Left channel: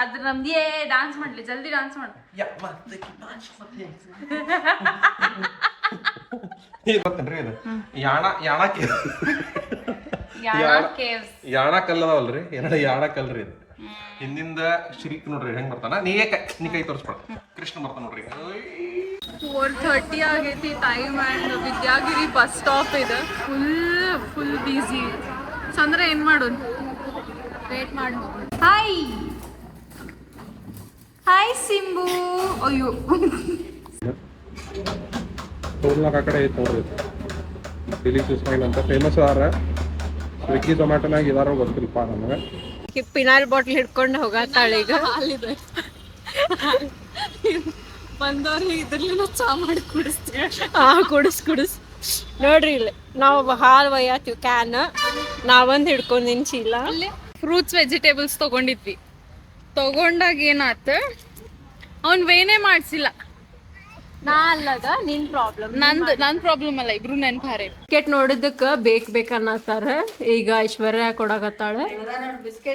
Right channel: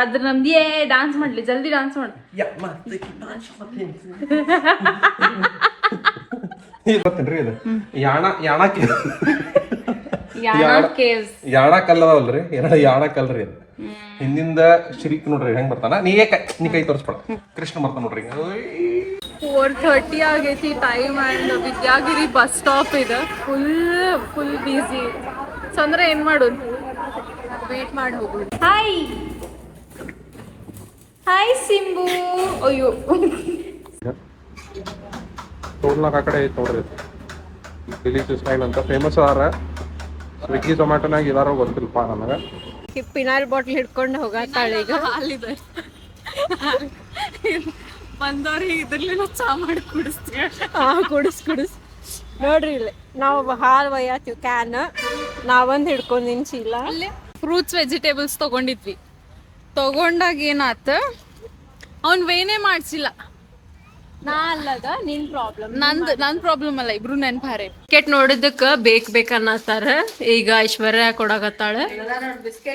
ಆದ್ರೆ ನಮ್ದು ಡಾನ್ಸ್ ಮಾಡ್ಲಿ ಜಲ್ದಿ ಡಾನ್ಸ್ ಮಾಡು. ಗೊತ್ತೇನ್ರಿ ಇದು ಯಾಣ ಯಾಣ ಕಲ್ಲದವಲ್ರಿ, ಎರಡು ಯಾಣ ಕಲ್ರಿ ಅದು. ಹಿಂದಿಂದ ಶ್ರೀಕ್ ನೋಡ್ರಿ ಹೆಂಗ್ ಬರ್ತಾನ. ನೀ ಕೈ ತೋರಿಸ್ಬೇಡ, ಕೃಷ್ಣ ಬರ್ತಾನ ನೋಡ್ರಿ. 4:30 ಆಗೈತಿ time and Vidyagiri bus stop ಇದೆ. ಫುಲ್ ಬಿಸಿ. ಸಂದ್ರ ಏನ್ ಮಾಡೋದು, ವೇಟ್ ಮಾಡಿ ಹೋಗೋದು. ಹಾಯ್ ಸಿಂಬು. ಅಯ್ಯೋ ಟೋಲ್ನಾಗ ಆ ಕಡೆ ಐತೆ ನೋಡ್ರಿ, ಡಿಲೀಶಿಯಸ್ ಸ್ಟೈಲ್ ಅಂತ ಫೇಮಸ್ ಅದಾರ. ಸ್ವಿಗ್ಗಿ ಟೊಮ್ಯಾಟೋನಾಗ ಇದಾರ ಗೊತ್ತಿಲ್ಪ ನನಗೆ. ಪಿನಾಲ್ ಬಾಟ್ಲ್ ಹಿಡ್ಕೊಂಡು ಹೋಗತ್ತಾಳೆ ಈಗ. ಹಾಲಿದೆ ಬಂದವ್ರಿಗೆ ಇದ್ರಲಿಲ್ಲ ಚಾ ಮಾಡಿ ಕುಡಿಸ್ತೀವಿ. ಕುಡಿಸ್ ನೋಡ್ರಿ ಇಲ್ಲಿ ನಾವು ಹಾಲು ಒಯ್ಯತ್ತೀವಿ ಕ್ಯಾನ್. ನಾವೊಂದು ಹಿಡ್ಕೊಂಡಿನ್ ಚೀಲ. ಫ್ರೂಟ್ಸ್ ವೆಜಿಟೇಬಲ್ಸ್ ತಗೊಂಡಿದ್ವಿ. ತಗೊಂಡಾಗ ಏನಾತ, ಅವ್ನ್ ವೇನೇ ಮಾಡ್ಸಿಲ್ಲ. ನಾ ಅಲ್ಲದ ನಿನ್ ಪ್ರಾಬ್ಲಮ್, ನನ್ ಪ್ರಾಬ್ಲಮ್ ಅಲ್ಲ, ಇಬ್ರು ನೆನ್ಪಾರೆ. ಬಿಸ್ಕೆಟ್ ನೋಡಿದಕ್ಕ ಬೇಕನ್ನತ್ತಾರ. ಈಗ ಐಶ್ವರ್ಯ ಕೊಡಾಕತ್ತಾಳ.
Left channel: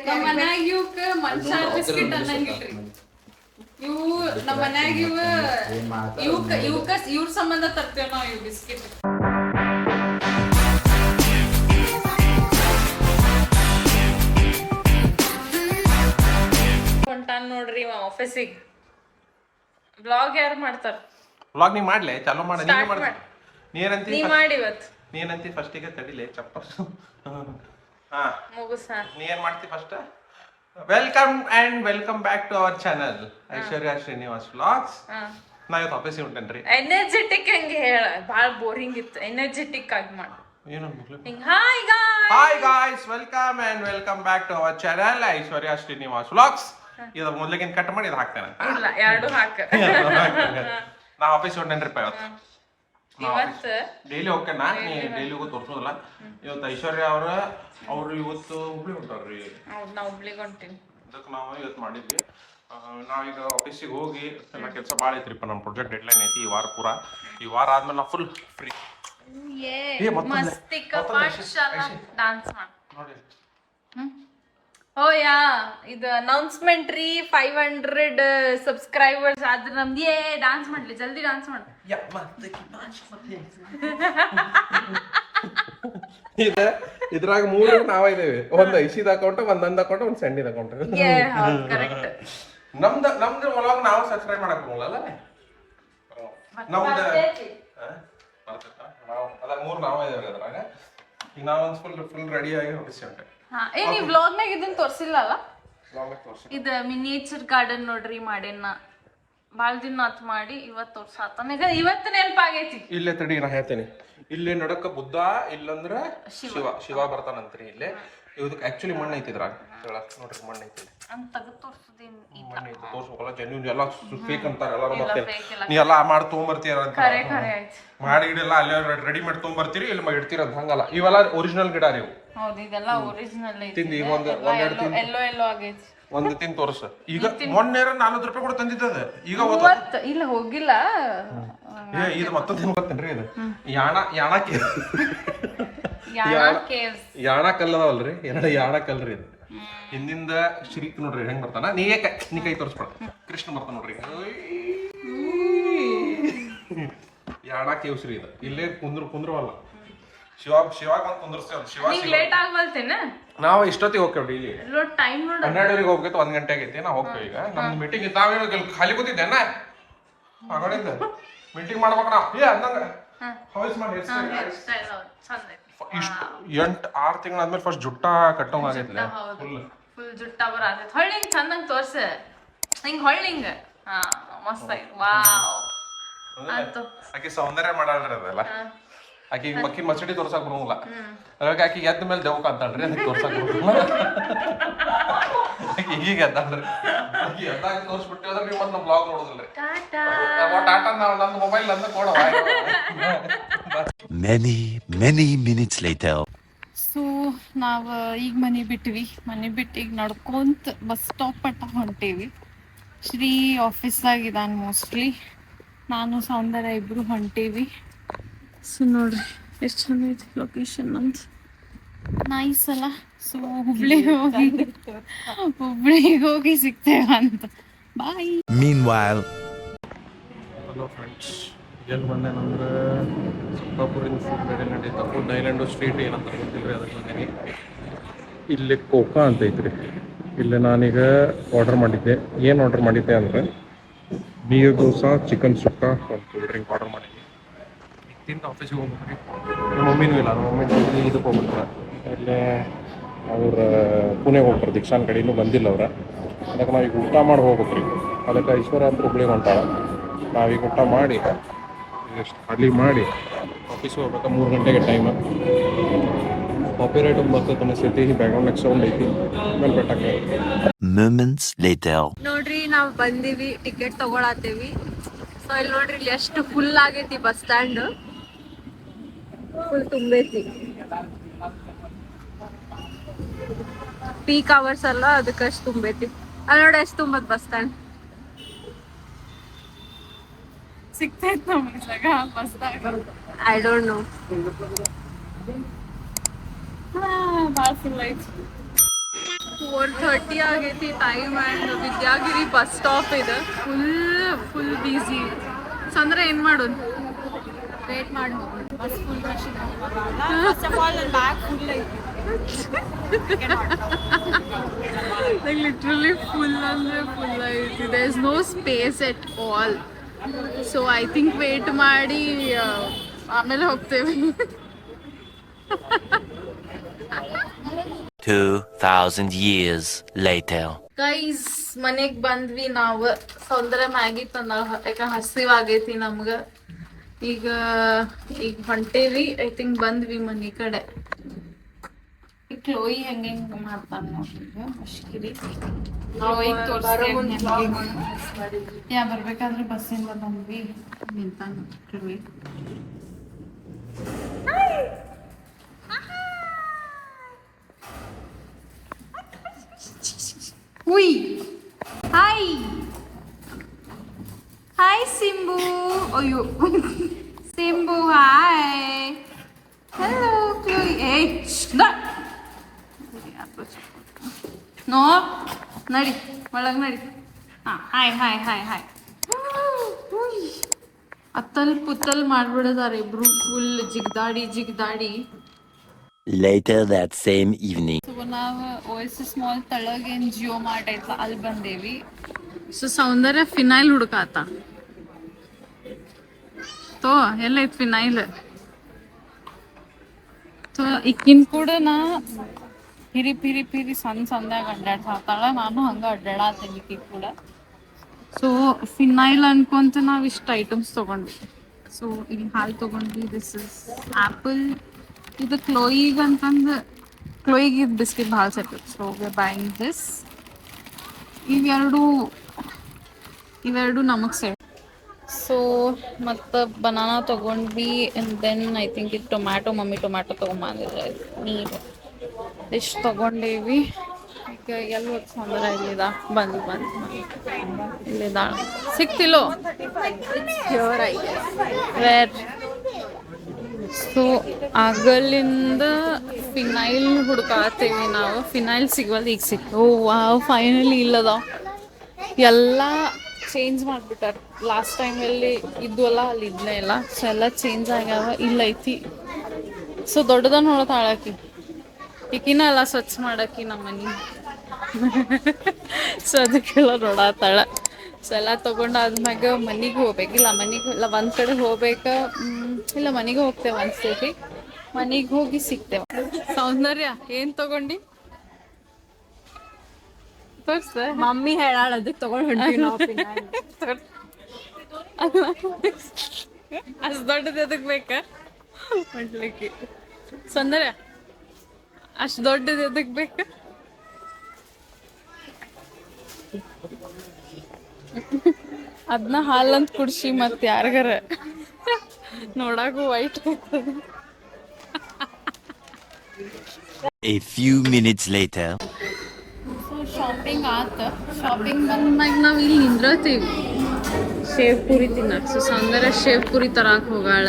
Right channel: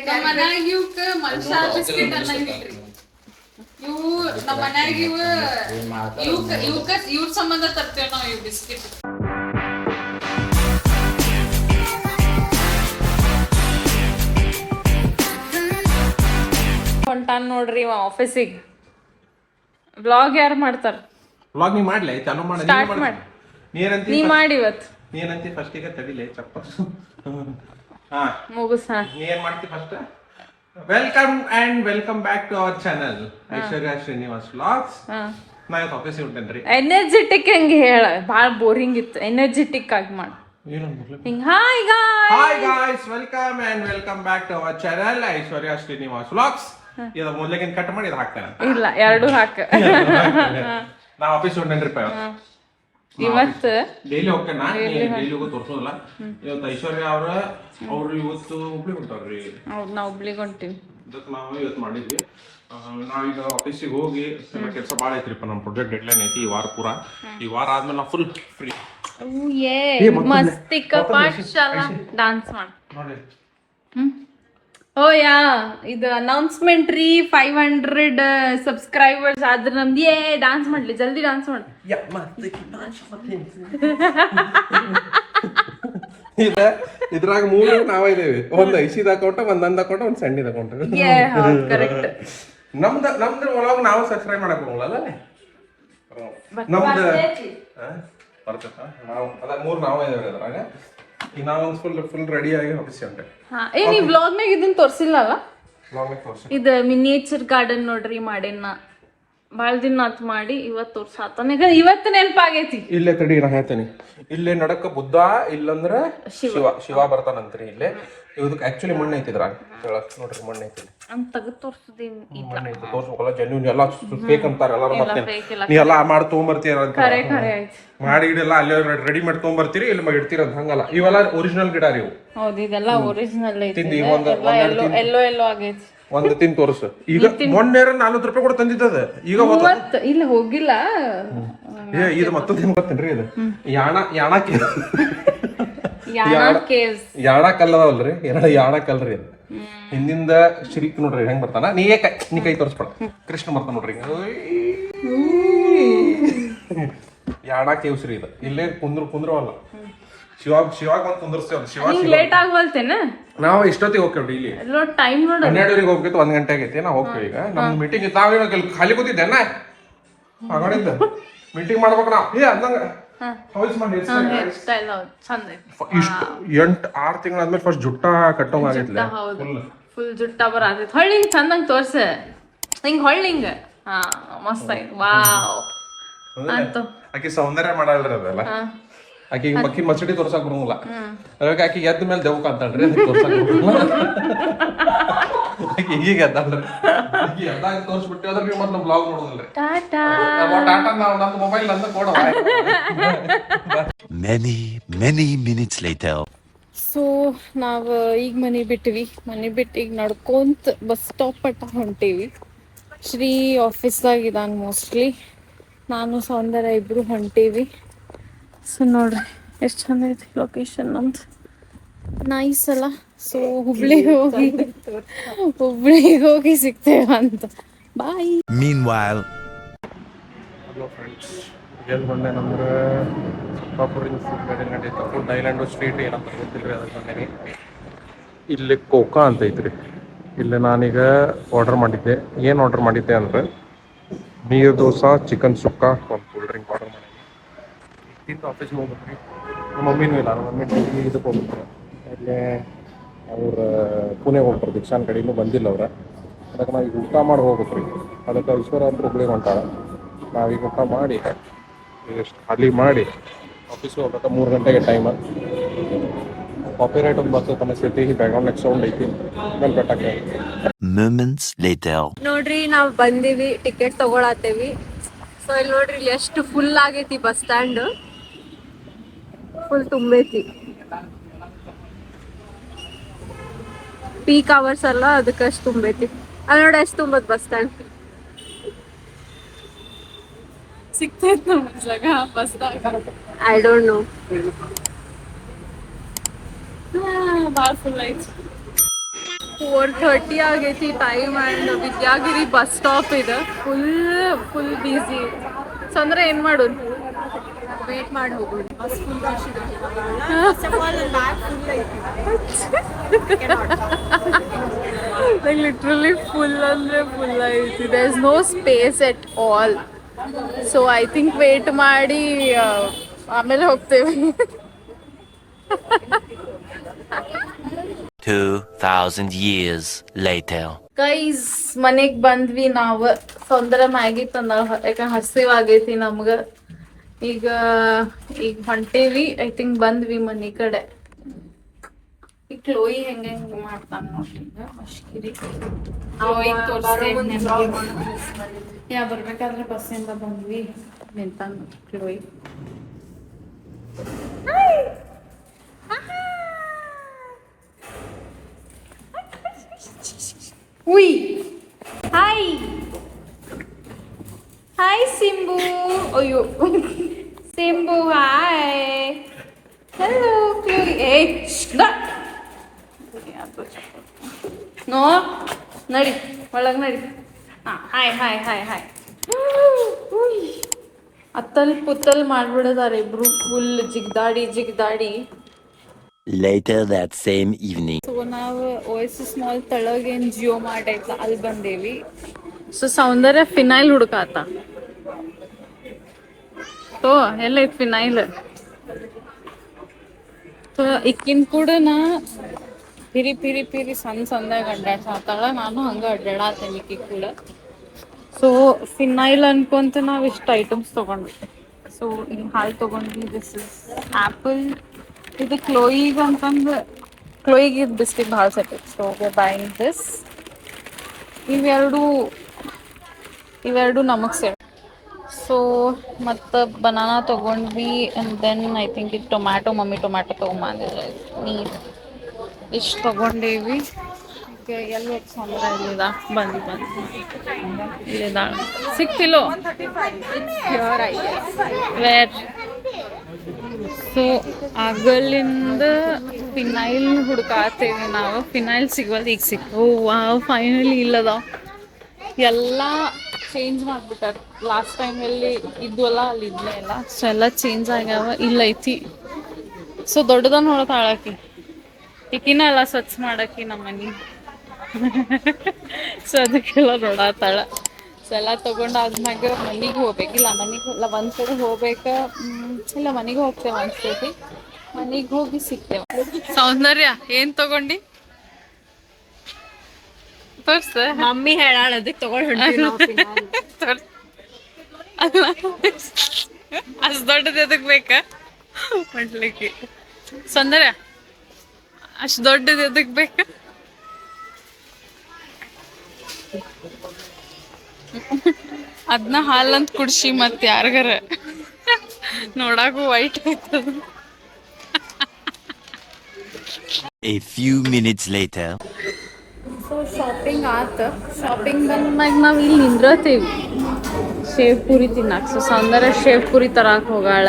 ನಮ್ಮ ಮನ್ಯಾಗ ಇವಕ್ಕ ಮನ್ಸಾರ ಬಿಸ್ಕೆಟ್ ಅನ್ನಂಗಿಲ್ರಿ. ಇವು ನಮ್ಮ ಮನ್ಯಾಗ ಇವ್ರ ಸಂಬಂಧ ತರ್ತೇವ್ ನಾವ್ ಇವ್ ಬಿಸ್ಕೆಟ್. ಹೊಂಟಾನ್ ನೋಡ್ರಿ ಇವ ಆಫೀಸಿಗೆ. ವ್ಲಾಗ್ ಯಾರು ಮಾಡ್ತಾರ? ವ್ಲಾಗ್ ನೀ ಮಾಡ್ಲಿ, ಚಾಲೂ ಮಾಡಿ. ನೀ ಮಾಡಿ ಇವತ್ತು. ನೀನಂತಿ ಫಸ್ಟ್ ಈಗ ತಡಿಲೆ ಚಪ್ಪ. ಮುಗಿಸ. ನೀ ಏನ್ ಮಾಡ್ತಿ first? Welcome back to our channel Aishwarya Srinivas vlogs. ನಾ ಇವತ್ತು ಆಫೀಸಿಗೆ ಹೊಂಟೇನ್ರಿ. ಎನರ್ಜೆಟಿಕ್ ಹಂಗೆ ಹೇಳ, ಭಾಳ ಬೋರಿಂಗ್ ಇತ್ತು. ಎನರ್ಜೆಟಿಕ್ ಆಗಿ ಮಾಡು. Hi guys, welcome back to our channel Aishwarya Srinivas vlogs. ಇದು ಮೊದಲಿಗೆ ಕಟ್ ಮಾಡಿ ಇದು ಹಾಕ್ತೇನೆ. ಇಲ್ಲ, ಎರಡು ಹಾಕ. ನಾ ಆಫೀಸ್ ಹೊಂಟೇನ್ರಿಪ್ಪ ಇವತ್ತು. ಡೈಲಿ ಹೋಗ್ತೇನೆ, ಡೈಲಿಗೂ ತೋರ್ಸೋದಿಲ್ಲ. ಇವತ್ತು ಐಶ್ವರ್ಯ ಅವ್ರು ಇವತ್ತು ಹುಬ್ಳಿ ಹೊಂಟಾರ್ರಿ. ಹೌದು, ನಾವು ಹುಬ್ಳಿಗೆ ಹೊಂಟೀವಿ. ಅದಕ್ಕೆ ನಾವು ಇವತ್ತು ಮಾಡಿದ್ವಿ. ನಾವೀಗ ಆಫೀಸಿಗೆ ಹೋಗಿ ಕೆಲಸ ಭಾಳ ಐತ್ರಿಪ್ಪ. ನಮ್ಮ ಪ್ರಾಜೆಕ್ಟ್ ಡೆಡ್ಲೈನ್ ಐತಿ ಈ ವಾರ ಪೂರ. ಈ ವಾರ ಆದ್ಮೇಲೆ ನಾವು ಫುಲ್ ಫ್ರೀ. ಮಸ್ತಿಕ ಪಾಠಶಾಲಾ ಡಾನ್ಸ್ ಮಾಡಿ ನೋಡಿ. ಓ ಯಾ, ಇದು ಅನೌನ್ಸ್ಮೆಂಟ್ ರೀ. 500 ಸಬ್ಸ್ಕ್ರೈಬರ್ಸ್ ಆದ್ರೆ ನಮ್ದು ಡಾನ್ಸ್ ಮಾಡ್ಲಿ ಜಲ್ದಿ ಡಾನ್ಸ್ ಮಾಡು. ಇದ್ರಾಗ 3 ನಾವೇ ಇದೇವೆ. ಒಂದು ಐಶಿದ ಅಕೌಂಟ್, ಒಂದು ನಂದು ಅಕೌಂಟ್, ಒಂದು ಸಂಡಿದ ಅಕೌಂಟ್. ಕರೆಕ್ಟ್. ನಮ್ದು ಒಳಗೆ ನಾವು ಸಬ್ಸ್ಕ್ರೈಬ್ ಮಾಡಕ್ ಹೋಗಲ್ಲ. ನಮ್ದು ಬರ್ತೈತ. ನಾವು ಅದ 3 ನಾವೇ ಇದೇವೆ ಅದ್ರಾಗ. ಈಗ ನಾವೊಂದು ಫುಲ್ ರೆಡಿ ಆಗಿ ಆಫೀಸ್ ಹೊಂಟೆ. ನೀವ್ ವ್ಲಾಗ್ನಾಗ ಇದನ್ನ ತೋರ್ಸಿಲ್ಲ ಅಲ್ಲ? ಇದು ಮಿನಿಯೇಚರ್ ಗಾರ್ಡನ್ ನೋಡ್ರಿ ಮಾಡೇನ. ಬಾಳ ದಿನ ಆತ್ ಮಾಡಿ. ಇವತ್ತು ತೋರ್ಸಾತ. ಇವತ್ತು ನೆನಪಾಗೈತಿ. ಇಲ್ಲೇ ತಡಿ ನಾ ಹೇಳ್ತೇನೆ. ಇಲ್ಲೇ ನಡಕ ಬುದ್ಧ, ಇಲ್ಲಂದ್ರ ಶಿವ ಬರ್ತಾನಂತ್ರಿ. ಇಲ್ಲೇ ಇದಕ್ಕೆ ಆಕ್ಚುಲಿ ಮಣ್ಣು ಐತಿದ್ರ ನೋಡ್ರಿ, ಮಣ್ಣು ಐತಿ ಅಂತ ತೆಗೆದು ತೋರ್ಸುದೇನ್ ತೋರ್ಸ್ಬೇಕಲ್ಲ. ಜೆನ್ಯೂನ್ ಎಲ್ಲ ಫೇಕ್ ಅಂತಾರ. ನೀ ಎಲ್ಲ ಮಾಡಿ ತಗೊಂಬರ್ತೀರ ಅಂತ ಮಾಡಿ ಗಿಡ ಅಲ್ಲೇ ರೆಡಿ ಮಾಡಿ ತಗೊಂಬರ್ತೀರಿ, ಇಲ್ಲಿ ಇಡ್ತೀರ ಅಂತ. ಹಂಗಲ್ಲ, ಇವೆಲ್ಲ ಒರಿಜಿನಲ್ ಗಿಡ ರೀ. ಹೌದು, ಇದೆಲ್ಲ ಒರಿಜಿನಲ್ ಐತಿ. ಎಲ್ಲೋ ಆಗೈತಿ. ಒಂದು ತಿನ್ ತೋರ್ಸ. ಈಗ ಮೊನ್ನೆ 40 ರೂಪಾಯಿ ಕೂಡ ತಂದಿದ್ದದ. ಈಗ ಇಲ್ಲ ಹೋಗಿಲ್ಲ. ಇದು ಮತ್ತೊಂದು ಏನ್ ಗೊತ್ತೇನ್ರಿ, ಇದು ಯಾಣ ಕಲ್ಲದವಲ್ರಿ, ಎರಡು ಯಾಣ ಕಲ್ರಿ ಅದು. ಹಿಂದಿಂದ ಶ್ರೀಕ್ ನೋಡ್ರಿ ಹೆಂಗ್ ಬರ್ತಾನ. ನೀ ಕೈ ತೋರಿಸ್ಬೇಡ, ಕೃಷ್ಣ ಬರ್ತಾನ ನೋಡ್ರಿ. ಯಾಣ ಕೇವ್ಸ್ರಿ ಇದು. ಇಲ್ಲೇ ಕುಂದ್ರವಲ್ಲ. ಶಿವಾಗ ಬಂದು ಕುಂದ್ರಸ್ತೇವೆ. ಲೇಟ್ ಆಗ್ಬಲ್ತೇನ? ನಾವು ಇಷ್ಟೊತ್ತಿಗೆ ಹೋಗ್ತೇವೆ ಡೈಲಿ. ಟೈಮ್ ನೋಡಿ 12 ಹೋಗ್ಬೇಕು. 1 ಗಂಟೆ ಆಗೈತಿ. ನಾವು ಹೋಗ್ತೇವೆ. ಈಗ ನಮ್ದು ಮೀಟಿಂಗ್ ಇತ್ತು. ನಾವೇನೋ ಖಾಲಿ ಕೂತಿದ್ದೆ ಮಗಳಿಂದ ಮೀಟಿಂಗ್ ಮಾಡ್ಬೇಕು ನಾವು. ಅಂದಂಗ 6 ತಿಂಗಳಾದ್ಮೇಲೆ ಫಸ್ಟ್ ಜುಟ್ಟ ಕಟ್ಟೋಂಗಾಗೈತ್ಲೆ. ಫುಲ್ ಜುಟ್ಟ ಬರತೈತಿ. ಹೊಳ್ಳಿ ಚಂದಂಗ್ ತೋರ್ಸ. ಹಿಂಗ್ ಹೊಳ್ಳಿಂಗ. ಮಸ್ತ್ ಆಯ್ತು. ವಾವ್ ಅಂತ ಆಕಿ ಸೌಂದರ್ಯ ಮಾಡಲ್ರಿ ಅದೆಲ್ಲ. ಆಕಿಗೆ ಮಕ್ಕಿನ ಮಸಡಿ ತೋರ್ಸಕ್ ಬರಂಗಿಲ್ಲ. ಅದಕ್ಕೆ ಆಕಿಗೆ ಎದ್ದ ಮೇಲೆ ದೇವಕ ಅಂತಾಳ್ರಿ. ಅದಕ್ಕೆ ತೋರ್ಸಕ್ ಬರಂಗಿಲ್ಲ. ಈಗ ಎದ್ದಾಳ್ರಿ. ಆಕಿ ಎದ್ದಾಗ ತೋರ್ಸ್ಬಿಟ್ಟು ಅದ್ರ ನೀವು ಮತ್ತೆ ಬ್ಲಾಗ್ ನೋಡೋದಿಲ್ರಿ. ಟಾಟಾ ನಾವು ನಮ್ಮ ಮೊಬೈಲ್ ನಂದು ಕೊಡೋ. Many minutes later. ಸೊ ನಾವು ಈಗ ಮನೆ ಬಿಟ್ಟಿವಿ. ಮನೆ ಬಿಟ್ಟು ಈಗ ನಡ್ಕೊಂತ ಬಸ್ ಸ್ಟಾಪ್ ಪಟ್ಟ ಹೊಂಟೇವಿ. ಶ್ರೀ ಆಫೀಸ್ದಾಗ ಇದಾನ ಮೋಸ್ಟ್ಲಿ. ನಾನು ಸೌಂದರ್ಯ ಇಬ್ರು ಹೊಂಟೇವಿ. ಸೊ ನೋಡ್ರಿ ಎಷ್ಟು ಚಂದ ಐತಿ ಲೊಕೇಶನ್. ನಮ್ದು ನೈಸ್ ಅಲ್ಲ. ಸೊ ಹುಬ್ಳಿಗೆ ಹೋಗಿ ಸಿಗ್ತೇವೆ ಅಂತ. ಬಾಯ್. Meanwhile, ಹಲೋ ಫ್ರೆಂಡ್ಸ್, ಎಲ್ಲಿ ಬಂದೇನಂದ್ರೆ ಸತ್ತಾಪುರಿಂದ ಫುಡ್ ಬೇರೆ ನಡೀತಾ. ಫುಡ್ ಐಲ್ಯಾಂಡು ಸ್ಟ್ರೀಟ್ ಏನಂತ ಗೊತ್ತಿಲ್ಲ ರೀ, ಅದಕ್ಕೆ ಬಂದೇನಿ. ಇಲ್ಲಿ ಕೋಕಾ ಅಂತ ಐತ್ರಿ. ಇಲ್ಲಿ ನಾನೀಗ ಆರ್ಡರ್ ಮಾಡಿದ್ದೆ. ಏನು ಆರ್ಡರ್ ಮಾಡಿದ್ದೆ ಅಂದರೆ ನೀರು ದೋಸೆ, ಚಿಕನ್ ಸುಕ್ಕ, ಒಂದು ಕೂಲ್ ಡ್ರಿಂಕ್ ಆರ್ಡರ್ ಮಾಡಿದ್ದೆ. ತಿಂದು ಆಫೀಸಿಗೆ ಹೋಗ್ಬೇಕ್ರಿ. ನಮ್ಮ ಮಮ್ಮಿನೂ ಇಲ್ಲ, ನಮ್ಮ ಮಮ್ಮಿ ಡೈಲಿ ಇದಕ್ಕೆ ಹೋಗ್ಬಿಟ್ರೆ ಇಲ್ಲೇ ಅವ್ರ ಪುಣೆಗೆ ಹೋಗ್ತಾರೆ. ದೀಕ್ಷಾನ್ ಕಡೆಯೂ ಬಂದಿಲ್ಲ ಅವ್ರ. ಅದಕ್ಕೆ ನಾವೀಗ ಊಟ ಮಾಡಿ ಹೋಗ್ಬೇಕ್ರಿ. ಅದಕ್ಕೆ ಐಶ್ವರ್ಯ ಅಂತ ಹುಬ್ಳಿಗೆ ಹೊಂಟಾಳ. ನಾವೀಗ ಊಟ ಮಾಡಿ ಈಗ ಖಾಲಿ ಮಾಡಿ ಆಫೀಸಿಗೆ ಹೋಗ್ಬೇಕು. 3 ಗಂಟೆಗೆ ಟೈಮ್. ಕಾಪಿ ರೈಟ್ ಒಂದು ಬರ್ತದೆ ಅನಿಸ್ತೈತಿ. ಬ್ಯಾಕ್ಗ್ರೌಂಡ್ ಸೌಂಡ್ ಐತಿ. ಆಮೇಲೆ ಬೆಟ್ಟಕ್ಕೆ moments later. ನೋಡ್ರಿ ನಾವ್ ಬಂದಿವಿ, ಟಿಕೆಟ್ ತಗೊಳತ್ತೇವಿ. ಸೊ ಇಲ್ಲಿ ನೋಡ್ರಿ ಇಲ್ಲಿ ಎಷ್ಟು ಫುಲ್ ಆಗೈತಿ ಬಸ್ ಸ್ಟ್ಯಾಂಡ್. ಫುಲ್ ತುಂಬೈತಿ. ಪೀಕ್ ಅವರ್ಸ್ ಅಲ್ಲ, ಅದಕ್ಕೆ ಅಷ್ಟು ತುಂಬೈತಿ. ಅಲ್ಲಿ ನೋಡಿ ಎಷ್ಟು ತುಂಬತ್ ಬಸ್ ಸ್ಟ್ಯಾಂಡ್. ಸಿಗ್ತೈತ್ ನಮ್ಗೆ ಜಾಗ ಬಸ್ದಾಗ. I don't know. ಭಾಳ ಫುಲ್ ಐತಿ. 4:30 ಆಗೈತಿ time. And Vidyagiri bus stop ಇದೆ. Full busy. ಸೊ ಅಂದ್ರೆ ಏನು ಮಾಡೋದು, ವೇಟ್ ಮಾಡಿ ಹೋಗೋದು. ಬಸ್ ಫುಲ್ ಲಿಟ್ರಲಿ ಫುಲ್ ಅಂದರೆ ಫುಲ್ ಐತಿ. There is no space at all. So I think wait ಮಾಡಿ ಆಮೇಲೆ ಹೋಗ್ತೇವೆ. 2,000 years later. ಗೈಸ್ ಮನೆಗೆ ಬಂದ್ವಿ ನಾವು. ಸೌಂದರ್ಯ ಮ್ಯಾಗಿ ತಂದ, ಯಾಕಂದ್ರೆ ಹಸಿವಾಗೈತಿ ನಮ್ಗೆ. ಈಗ ಹೊಂಟೇವಿ. ಐ ಥಿಂಕ್ ಬಂದ್ವಿ ಮನೆ ಕಡೆ. ಈ ಕ್ಲೋಯಿ ಹೆಂಗೆ ಮಾಡ್ತಾನ ಅಷ್ಟಿರಿ. ಬರ್ಬೇಕಾದ್ರೆ ಬಸ್ಸಿಂದ ಬಂದ್ವಿ. ನಿಂತಾನ ಕ್ಲೋಯಿ. ಉಯ್ ಹಾಯ್ ಹಾಯ್ ಸಿಂಬು. ಅಯ್ಯೋ Simbu hi. Hello Chloe. No ನಡಿ ಒಳಗೆ ನಡಿ. ಹಾಂ ಹಾಯ್ ಹಾಯ್ ಹಾಯ್ ಹಾಯ್. ಅತ್ತಲ್ ಪುತ್ತಲ್ ಮಾಡ್ಬಿಡೋದಾರೆ ಇಬ್ರು. ಫುಲ್ ಜಿಗ್ದಾಡಿ. Later that same evening. So ನಾವು ಓಯಸಿಸ್ ಮಾಲ್ ತಳಗೇನು ಜಿಯೋ ಮಾರ್ಟ್ ಐತಲ್ಲ ಅಲ್ಲಿ ಬಂದೇವಿ. ಸೊ ಸೌಂದರ್ಯ ಫಿನೈಲ್ ಹುಡುಕಾತ. ತೋ ಎಲ್ಲೈತ್ ಫಿನೈಲ್. ಸೊ ಇಕ್ಕಿನ ಕೂಡ ನಾ ಪಿರಿ ಸಣ್ಣದಾಗ ಅಡ್ಡಾಡ್ಸಾತಾಳ. ನಾನು ಹಂಗೆ ಅಡ್ಡಾಡತ್ತೇನೆ ಇಕ್ಕಿ ಕೂಡ. ಸೊ ಫಿನೈಲ್ ಅನ್ಕೊಂತ ನಾವು ಇಷ್ಟು ಐಟಮ್ಸ್ ತೊಗೊಂಡ್ವಿ. ಸೊ ಇಲ್ಲಿ ಹಾಲು ತೊಗೊಂಡ್ವಿ. This is apple. ಇದು ಕ್ಲೋಯಿಗೆ ಅಂತಂದು ಕ್ಲೋಯಿಗೆ ಇದು ಬಿಸ್ಕಿಟ್ ಭಾಳ set. So we buying this. ಇವೆರಡು ನಮಗೆ ಸೆಟ್. ಸೊ ಮತ್ತು ಬನಾನಾ ತೊಗೊಂಡ್ವಿ. ಆ್ಯಂಡ್ ದೆನ್ ಐ ಥಿಂಕ್ ಇದು ಟೊಮ್ಯಾಟೊ. ಮಮ್ಮಿ ಟೊಮ್ಯಾಟೊ ತೊಗೊಂಬಂದಿದ್ರೆ ನೀಟ್ ಇಷ್ಟು ತೊಗೊಂಡೇವಿ. ಈಗ ಎಲ್ಲಿ ಹೋಗಿ ಸಂದ್ರ ಇಲ್ಲಿದ ಬಂದು ಇಲ್ಲಿದ ಸಿಕ್ತಿಲ್ಲೋ ವೇರ್. ಸೊ ಆಗಲಿಂದ ಫಿನೈಲ್ ಹುಡ್ಕಾತೇವಿ ನಾವು. ಫಿನೈಲ್ ಸಿಗವಲ್ದು. ಈಗ ಸಿಕ್ತು. ವಾವ್ ಫೈನಲಿ ಇಲ್ಲದ. ಎಲ್ಲ ಚೇಂಜ್ ಮಾಡಿಬಿಟ್ಟಾರ. ಲಾಸ್ಟ್ ಟೈಮ್ ಎಲ್ಲಿ ಇದ್ವಲ್ಲ ಅಲ್ಲಿ ಇದ್ಲೇ ಇಲ್ಲ. ಸೊ ಎಲ್ಲ ಚೇಂಜ್ ಆಗ್ಯಾವ. ಇಲ್ಲೈತಿ. ಸೊ ದೊಡ್ಡದನ್ನ ನೋಡತಾಳಕಿ. ಈಕಿನ ಎಲ್ಲ ಸ್ವಚ್ಛ ಮಾಡಾಕಿ ನಮ್ಮ ಮನೆ. ಸೊ ಅದಕ್ಕೆಲ್ಲ ನೋಡತ್ತಾಳ. ಸೊ ಎಲ್ಲ ತೊಗೊಂಡಾದ್ಮ್ಯಾಗ ಮನೆಗೆ ಹೋಗ್ಬೇಕಿಲ್ಲ. ಮನೆಗೆ ಒಂದು ಕಡೆ ಹೋಗ್ಬೇಕು. ಇಲ್ಲ ಮನೆಗೆ ಹೋಗ್ತೇವೆ ಅನ್ಸ್ತೈತಿ. ಮನೆಗೆ ಹೋಗಿ ಸಿಗ್ತೇವೆ. ಸೌಂದರ್ಯ ಏನು ತಗೊಂಡು ತೋರ್ಸ. ಮಮ್ಮಿ ಹೇಳಾಳ ಅದಕ್ಕೆ ತಗೊಂಡು ಅಷ್ಟು ದೊಡ್ಡದು ಎದಕ್ಕೆ ಬೇಕಾ ಮಾಡ್ಲಿಕ್ಕೆ. ಸೌಂದರ್ಯ ಅಷ್ಟು ದೊಡ್ಡದು ಎದಕ್ಕೆ ಬೇಕಾ. ಅದನ್ನ ಹಾಲಂತ ಕುಡ್ಸಿ ಮತ್ತೆ ಯಾರಿಗಾರ ನೋಡಾಕು ವೈಟ್ ಆಯ್ತದ. A few minutes later. So shopping ಆತ. ಶಾಪಿಂಗ್ ಬಂದ್ಮ್ಯಾಗ ನಾವು ಇಲ್ಲಿ ನಿಂದ್ರತೀವಿ ಶೇವ್ ಪುರಿ ತಿನ್ನಕ್ಕೆ. ಸೊ ಸೌಂದರ್ಯ ಶೇವ್ ಪುರಿ ತರಕ್ಕೆ ಹೋಗಾಳ.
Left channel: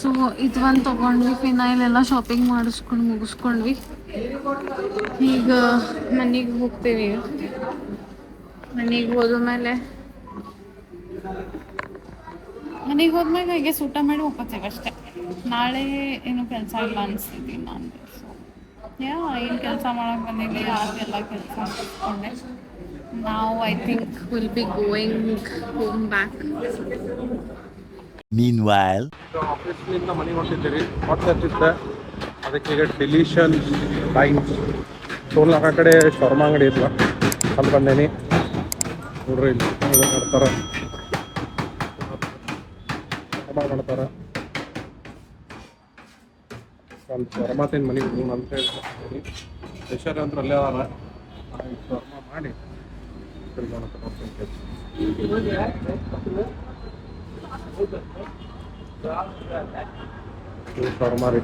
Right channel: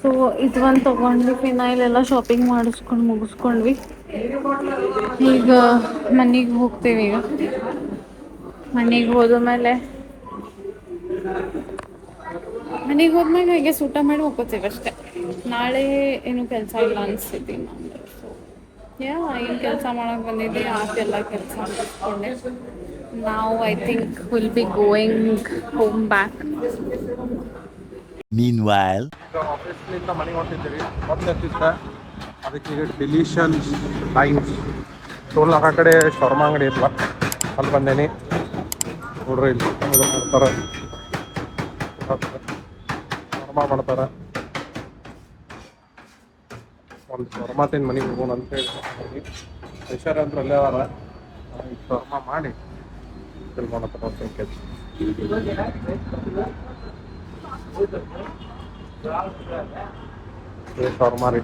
ಸೊ ಇದು ಒಂದು ತೊಗೊಂಡ್ವಿ, ಫಿನೈಲ್ ಎಲ್ಲ ಶಾಪಿಂಗ್ ಮಾಡಿಸ್ಕೊಂಡು ಮುಗಿಸ್ಕೊಂಡ್ವಿ. ಈಗ ಮನೆಗೆ ಹೋಗ್ತೀವಿ. ಈಗ ಮನೆಗೆ ಹೋದ್ಮೇಲೆ ಹಾಗೆ ಊಟ ಮಾಡಿ ಹೋಗ್ಕೋತೀವಿ ಅಷ್ಟೇ. ನಾಳೆ ಏನು ಕೆಲಸ ಇಲ್ಲ ಅನಿಸ್ತೈತಿ ನಾನು. ಸೊ ಏನು ಕೆಲಸ ಮಾಡಕ್ಕೆ ಬಂದಿದ್ದೆ, ಆತೆಲ್ಲ ಕೆಲಸ ಮಾಡಿಸ್ಕೊಂಡೆ. ನಾವು I think will be going home back. Meanwhile, ಈಗ ಆಫೀಸ್ನಿಂದ ಮನೆಗೆ ಹೊಂಟಿದ್ದೀವಿ. ಹೊತ್ತಿದ್ದೆ ಅದಕ್ಕೆ ಈಗ ಡೆಲಿಷನ್ ಲೈನ್ಸ್ ಟೋಲ್ ಆ ಕಡೆ ಶರ್ಮಾ ಅಂಗಡಿ ಇಲ್ಲ ಅಂತ ಬಂದೇನಿ. ನೋಡ್ರಿ ಇಲ್ಲಿ ಮಾಡ್ತಾರೆ, ಶರ್ಮಾ ಮಾಡ್ತಾರೆ. ಒಂದು ಶರ್ಮಾ ತಿಂದು ಮನೆಗೆ ಹೋಗೋಣ ಅಂತ ಹೇಳಿ ಪ್ರೆಷರ್ ಅಂತೂ ಅಲ್ಲೇ ಅದಾರ. ಶರ್ಮಾ ಮಾಡಿ ತಿಳ್ಕೊಳತ್ತಾರ. ಶರ್ಮಾ ರೀ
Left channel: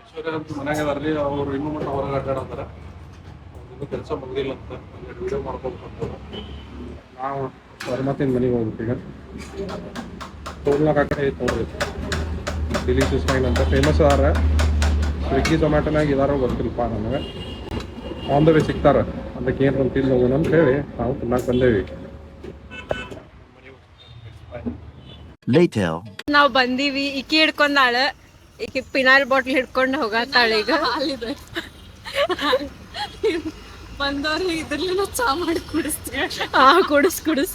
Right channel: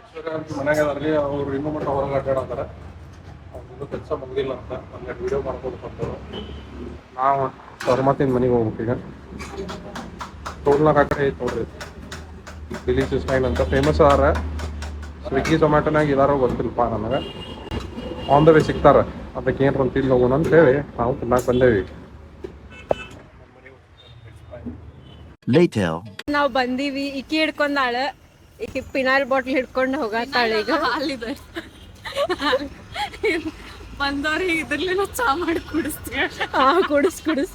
ಐಶ್ವರ್ಯ ಅಂತ ಮನ್ಯಾಗ ಅದಾರ್ರಿ. ಅವ್ರು ಇನ್ನೂ ಮಟ್ಟ ಹೊರಗೆ ಅಡ್ಡಾಡತ್ತಾರ. ಅವ್ರಿಗೂ ಕೆಲಸ ಮುಗಿದಿಲ್ಲ ಅಂತ ಒಂದೆರಡು ವಿಡಿಯೋ ಮಾಡ್ಕೊಳ್ತಾರೆ. ನಾವು ಶರ್ಮಾತಿನ ಮನೆಗೆ ಹೋಗ್ಬಿಟ್ಟು ಈಗ ಟೋಲ್ನಾಗ ಆ ಕಡೆ ಐತೆ ನೋಡ್ರಿ, ಡಿಲಿಷಿಯಸ್ ಸ್ಟೈಲ್ ಅಂತ ಫೇಮಸ್ ಅದಾರ. ಸ್ವಿಗ್ಗಿ ಝೊಮ್ಯಾಟೋನಾಗ ಇದಾರೋ ಗೊತ್ತಿಲ್ಲಪ್ಪ ನನಗೆ. ಆನ್ ದ ವೇ ಸಿಗ್ತಾರೆ. ಅದಕ್ಕೆ ಏನು ಅಂತ ತಿಂದು ಹೋಗೋಣ ಅಂತ ಹೇಳಿ ನಾವು ತಿನ್ನಕ್ಕೆ ಬಂದೇವಿ. later. ನಾವು ಬಂದೀವಿ. ಇಕ್ಕಿ ಹಿಡ್ಕೊಂಡಾಳ, ಈಕಿ ಪಿನಾಲ್ ಬಾಟ್ಲ್ ಹಿಡ್ಕೊಂಡು ಹೋಗತ್ತಾಳ. ಈಗ ಅಲ್ಲಿದೆ ಬಂದವ್ರಿಗೆ ಇದ್ರಲ್ಲಿನ ಚಾ ಮಾಡಿ ಕುಡಿಸ್ತೀವಿ. ಕುಡಿಸ್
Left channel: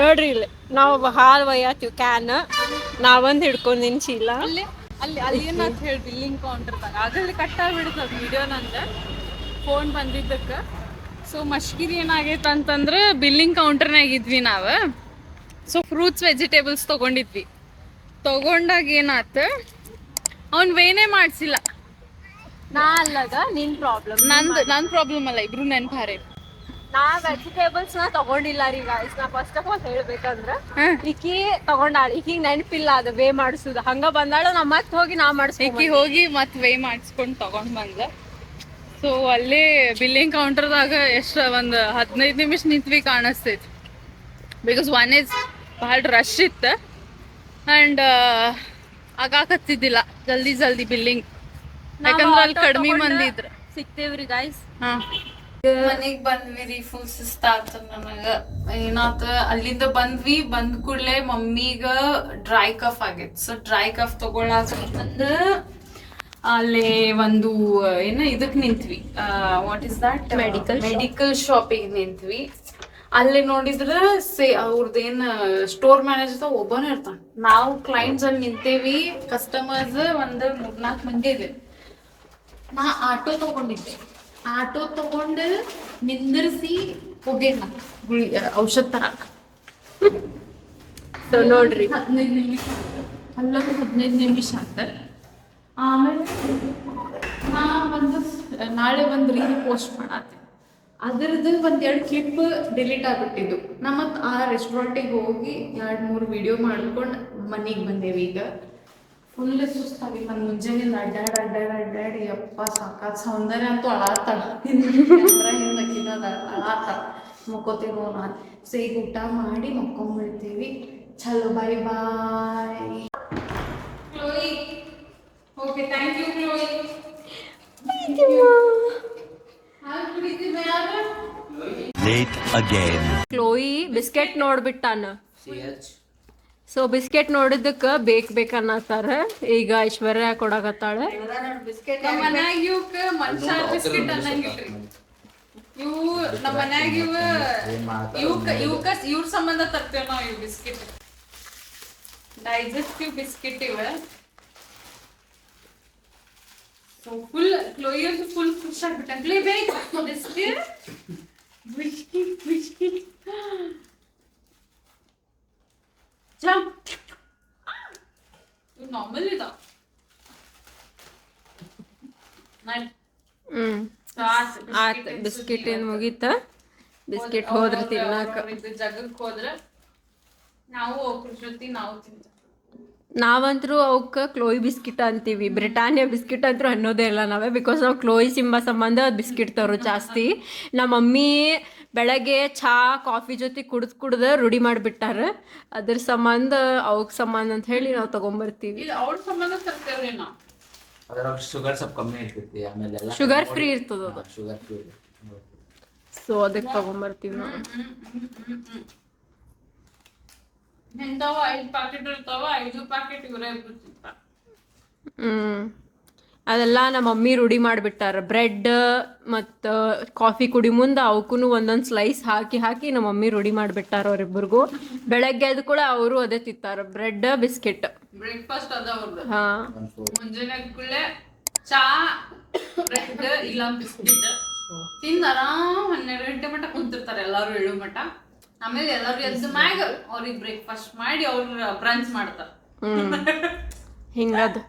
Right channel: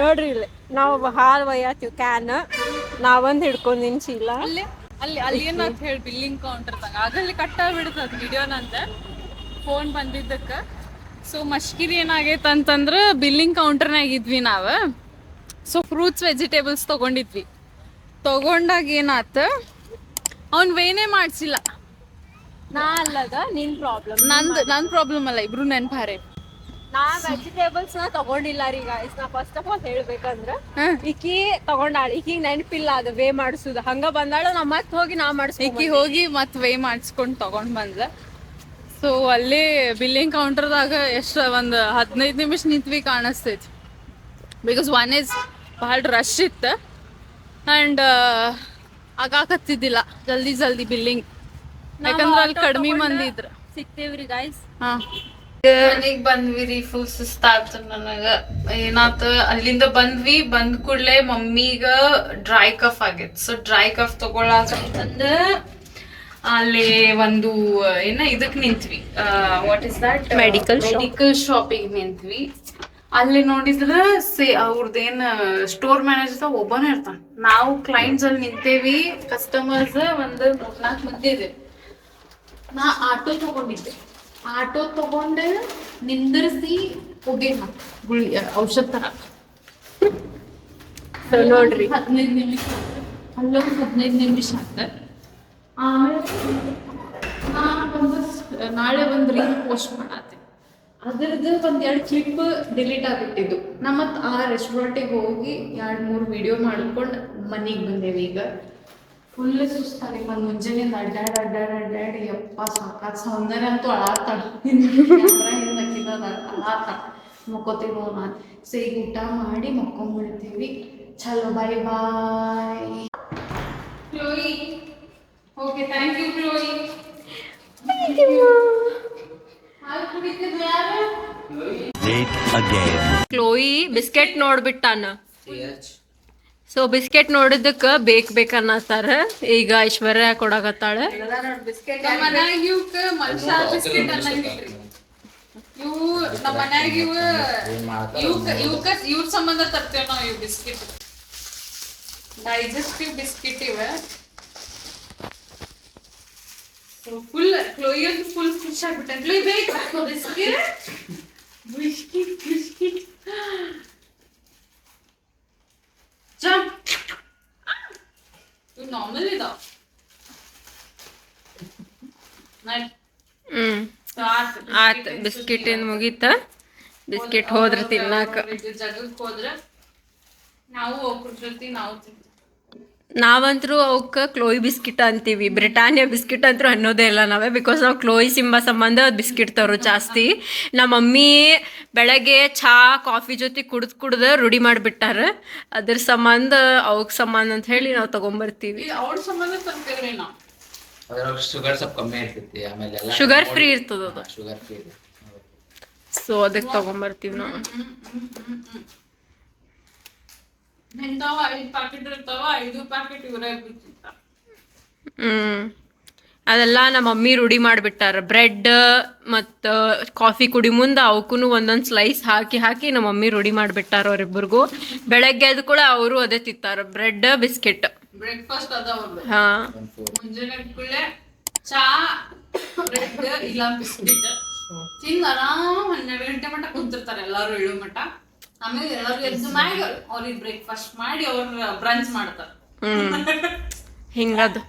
ನೋಡ್ರಿ ಇಲ್ಲಿ ನಾವು ಹಾಲು ಒಯ್ಯತ್ತೀವಿ ಕ್ಯಾನ್. ನಾವೊಂದು ಹಿಡ್ಕೊಂಡಿನ ಚೀಲ. ಅಲ್ಲಿ ಏನಂತ ಹೇಳಿ ಬಿಲ್ಲಿಂಗ್ ಕೌಂಟರ್ದಾಗ ಆಗಲ್ಲಿ ಕಟ್ಟಾಗ್ಬಿಡ್ತದ ವಿಡಿಯೋ ನಂದು ಫೋನ್ ಬಂದಿದ್ದಕ್ಕೆ. ಸೊ ಮಶ್ಕಿರಿ ಏನಾಗೈತೆ ಅಂತಂದ್ರೆ ಬಿಲ್ಲಿಂಗ್ ಕೌಂಟರ್ನಾಗ ಇದ್ವಿ ನಾವು. ಸೊ ಫ್ರೂಟ್ಸ್ ವೆಜಿಟೇಬಲ್ಸ್ ತೊಗೊಂಡಾಗ ಏನಾತ, ಅವ್ನು ವೇನೇ ಮಾಡಿಸಿಲ್ಲ. ನಾ ಅಲ್ಲದ ನಿನ್ ಪ್ರಾಬ್ಲಮ್. ನನ್ನ ಪ್ರಾಬ್ಲಮ್ ಅಲ್ಲ, ಇಬ್ರು ನೆನ್ಪಾರೆ. ನಾ ವೆಜಿಟೇಬಲ್ಸ್ ನ ತಗೊಂಡಿಲ್ಲ ರೀ ಗೈಸ್. ನಾ ಫಸ್ಟ್ ಆಫ್ ಆಲ್ ಹೇಳ್ಬೇಕಂದ್ರ ಈಕಿ ತಗೊಂಡಾಳ, ಈಕಿಗೆ ನೆನಪಿಲ್ಲ ಅದು ವೇ ಮಾಡಿಸುದು. ಹಂಗ ಬಂದಾಳ, ನಾ ಮತ್ ಹೋಗಿ ನಾ ಮಾಡಿಸ್ಕಿ ಹೋಗಿ ಮತ್ತೆ ವೇ ಮಾಡಿಸ್ಕೊಂಡು ತಗೊಂಡ್ ಬಂದ. ಸೊ ಅಲ್ಲೇ ಬಿಲ್ಲಿಂಗ್ ಕೌಂಟರ್ದಾಗ ಎಷ್ಟು ಒಂದು 15 ನಿಮಿಷ ನಿಂತ್ವಿ ಕಾಣಿಸ್ತೈತಿ. ಬಿಕಾಸ್ ಒನ್ ಇಸ್ ಭಾಳ ರಶ್ ಇತ್ತು ಆ್ಯಂಡ್ ಆಗಾಕತ್ತಿದ್ದಿಲ್ಲ ಜಲ್ದಿ ಬಿಲ್ಲಿಂಗ್. ಯಾಕಂದ್ರೆ ಅಲ್ಲಿ ಕಡಿಮೆ ಮಂದಿ ಇದ್ರ. ಸಿಗ್ತೇವ್ರಿ ಗೈಸ್. ಮನೆಗ್ ಬಂದ್ವಿ ರೀ. ಫುಲ್ ಸುಸ್ತಾತು ನನಗ. ಏನಾತ, ಅಲ್ಲಿಂದ ಬಂದ್ ಕೂಡ್ಲೆ ಮಮ್ಮಿಗ ಡ್ರೈ ಕಫ್ ಆಗೈತಿ. ಸೊ ಡ್ರೈ ಕಫ್ ತಗೊಳಕಂತಂದ ಅಲ್ಲಿ ಒಂದು ಇದಕ್ ನಿಂತ್ವಿ. ವಾಟ್ ಇಸ್ ದಟ್, ಮೆಡಿಕಲ್ ಶಾಪಿಗೆ ನಿಂತ್ವಿ. ಅಲ್ಲಿ ನೋಡಿದ್ರ ಅವ್ರದ್ದೇನ್ ಸ್ಟೋರ್ ಮ್ಯಾನೇಜರ್ ಒಬ್ಬನೇ ಇರ್ತಾನ. ನಾವು ಕ್ಲೈಂಟ್ಸ್ ಅಲ್ಲಿ ನಿಂತೇವಿ, ಕಸ್ಟಮರ್ಸ್ ಒಂದು 3-4 ಮಂದಿ ಇದೆ. ನಾ ಆಟೋ ತಗೊಂಡಿದ್ದೆ. ಆಟೋ ತಗೊಂಡು ನಿಂದಿರಿಸಿ ಹೋಗೇನ ಔಷಧ ತರಕ. ನೋಡ್ರಿ 15 ನಿಮಿಷ ಅಲ್ಲೊಂದು 15 ನಿಮಿಷ ಆತ. ಆಮೇಲೆ ನಾ ನಾಳೆ ಒಂದು ರೀಲ್ ಪೋಸ್ಟ್ ಮಾಡತ್ತೆ. ಅದ್ರದ್ದು 1-2 ಕ್ಲಿಪ್ ಡಿಲೀಟ್ ಆಗ್ಬಿಟ್ಟಿದ್ದು. ನಾ ಮತ್ತು ಆ ರೆಸ್ಟೋರೆಂಟಿಗೆ ಹೋಗಿ 2-3 ವಿಡಿಯೋ ಮಾಡ್ಕೊಂಡು ಮನೆಗೆ ಬಂದೇವಿ. ಈಗ ಫುಲ್ ಸುಸ್ತಾಗಿ ನಾನು ಮುಂಜಾನೆಯಿಂದ ಅಡ್ಡಾಡಿ ಯಪ್ಪ ಸಾಕಾತ್. ಸೌಂದರ್ಯ ಅಂತೂ ಅಳಾತಾಳ, ಹಿಂದಕ್ಕಿದ ಅಳಾತಾಳ. ಮಕ್ಕೋತೀವಿ ನಾನು. ಸೊ ಈಗ ಊಟ ಮಾಡಿ ಮಕ್ಕೊಂಡ್ಬಿಡ್ತೀವಿ. ಚಲೋ bye bye. Chloe okay, thank you Chloe. Late again. Chloe biscuit ನೋಡ್ಬಿಟ್ಟಾನ. ಸೊ ಬಿಸ್ಕೆಟ್ ನೋಡಿದ್ದಕ್ಕ ಬೇಕನ್ನತ್ತಾರ. ಈಗ ಐಶ್ವರ್ಯ ಕೊಡಕತ್ತಾಳ. ನಮ್ಮ ಮನ್ಯಾಗ ಇವಕ್ಕ ಮನುಷ್ಯ ಬಿಸ್ಕೆಟ್ ಅನ್ನಂಗಿಲ್ರಿ. ಇವು ನಮ್ಮ ಮನ್ಯಾಗ ಇವ್ರ ಸಂಬಂಧ ತರ್ತೇವೆ ನಾವು. ಇವು ಬಿಸ್ಕೆಟ್ ಡೈಜೆಸ್ಟಿವ್ ಬಿಸ್ಕೆಟ್ ಇವ. ಫುಲ್ ಕ್ಲೋಯಿ ಅಂತೂ ಫುಲ್ ಖುಷಿ ಆಗ್ಬಿಟ್ಟ. ಕ್ಲೋಯಿ ಬೇಕು ಬಿಸ್ಕಿಟ್ ಜಂಪ್. ಇವು ನಾರ್ಮಲ್ ಇದಾವ. ಆತ್ ಬಿಸ್ಕಿಟ್ ಏನ್ ಮುಗೀತ. ಬಿಸ್ಕಿಟ್ ಹೋದ್ರ ತಿನ್ನಾಕ ಜಗಕ್ಕೆ ಹೋದ್ರ ನಾವು ಒಕ್ರ ಜೊತೆ ನಾವು ತಿಂತ. ನಾವಂತರೂ ಅವಕ್ಕೆ ಕ್ಲೋಯಿ ಬಿಸ್ಕಿಟ್ ಅಂತೀವಿ. ಬ್ರಿಟಾನಿಯಾ ಬಿಸ್ಕಿಟ್ ಅಂತೂ ಅನ್ನೋದೇ ಇಲ್ಲ ನಾವೇ, ಬಿಕಾಸ್ ನಾವು ಕ್ಲೋಯಿ ಸಿಂಬ ಸಂಬಂಧ ಅದು ಬಿಸ್ಕಿಟ್ ತರೋ ಜಾಸ್ತಿ. ನಮ್ಮ ಮಮ್ಮಿ ಬೆಳಗ್ಗೆ ಚಹಾ ಕಾಫಿ ಜೊತೆ ಕುಡ್ದು ರೂಢಿ ಮಾಡಿಬಿಟ್ಟಾರ. ಅದ್ರ ಸಂಬಂಧ ಅವಕ್ಕೆ ಸಂಬಂಧ ಅಂತ ಹೇಳಿ ನಾವು ತೊಗೊಂಬರ್ತೀವಿ. ಅವ್ರ ಸಂಬಂಧ ತರ್ತೇವ್ರಿ ನಾವು. ಅದ್ರಾಗ ಶುಗರ್ ಸ್ವಲ್ಪ ಕಮ್ಮಿ ಇರ್ತೈತಿ, ಆಮೇಲೆ ಶುಗರ್ ಫ್ರೀ ಇರ್ತದ ಅದು, ಶುಗರ್ ಫ್ರೀ. ಸೊ ಅದಕ್ಕೆ ತೊಗೊಂಬರ್ತೀವಿ ನಾವು. ಇಂಥವು 5 ಪ್ಯಾಕೆಟ್ ಇರ್ತಾವ, 5 ಪ್ಯಾಕೆಟ್ ಇವರೇ ಬಿಡ್ತಿರ್ತಾರ. ಅದೆಲ್ಲ ನಮ್ಮ ಮಮ್ಮಿ ರೂಢಿ ಮಾಡಿಬಿಟ್ಟಾರ. ಬ್ರೆಡ್ ಮತ್ತು ಕಾಫಿ ಕುಡಿ ಮುಂದೆ ಅವಕ್ಕೂ ಒಂದೊಂದು ಸ್ಲೈಸ್ ಹಾಕಿ ನಮ್ಮ ಮಮ್ಮಿ ರೂಢಿ ಮಾಡಿಬಿಟ್ಟಾರ ಅವ್ರಿಬ್ಬರಿಗೂ. ಬೆಳಗ್ಗೆ ಎದ್ದು ಕೂಡ ಅವರು ಅದೇ ತಿಂತಾರೆ, ಬ್ರೆಡ್ ಬಿಸ್ಕೆಟ್. ಬ್ರೇಕ್ಫಾಸ್ಟ್ ಅದ ಅವ್ರದ್ದು. ಹಾಂ, ಮುಂಜಾನೆ ಕೂಡಲೇ ಚಾ, ಬ್ರೆಡ್ ಇಲ್ಲ ಬಿಸ್ಕಿಟ್ ತಿಂದು ಆರಾಮ್ 12 ಗಂಟೆ ಮಟ್ಟ ಕುಂತಿರ್ತಾರೆ ಎಲ್ಲಾರು, 7 ಮಟ್ಟ. ಆಮೇಲೆ ಎಲ್ಲಾರು ಎದ್ದು ಮ್ಯಾಗ ಅವ್ರಿಗೆ ಬ್ರೇಕ್ಫಾಸ್ಟ್ ಮಾಡಿ ಅವ್ರ ಬ್ರಂಚ್ ಮಾಡ್ತಾರೆ. ಹಿಂಗದು.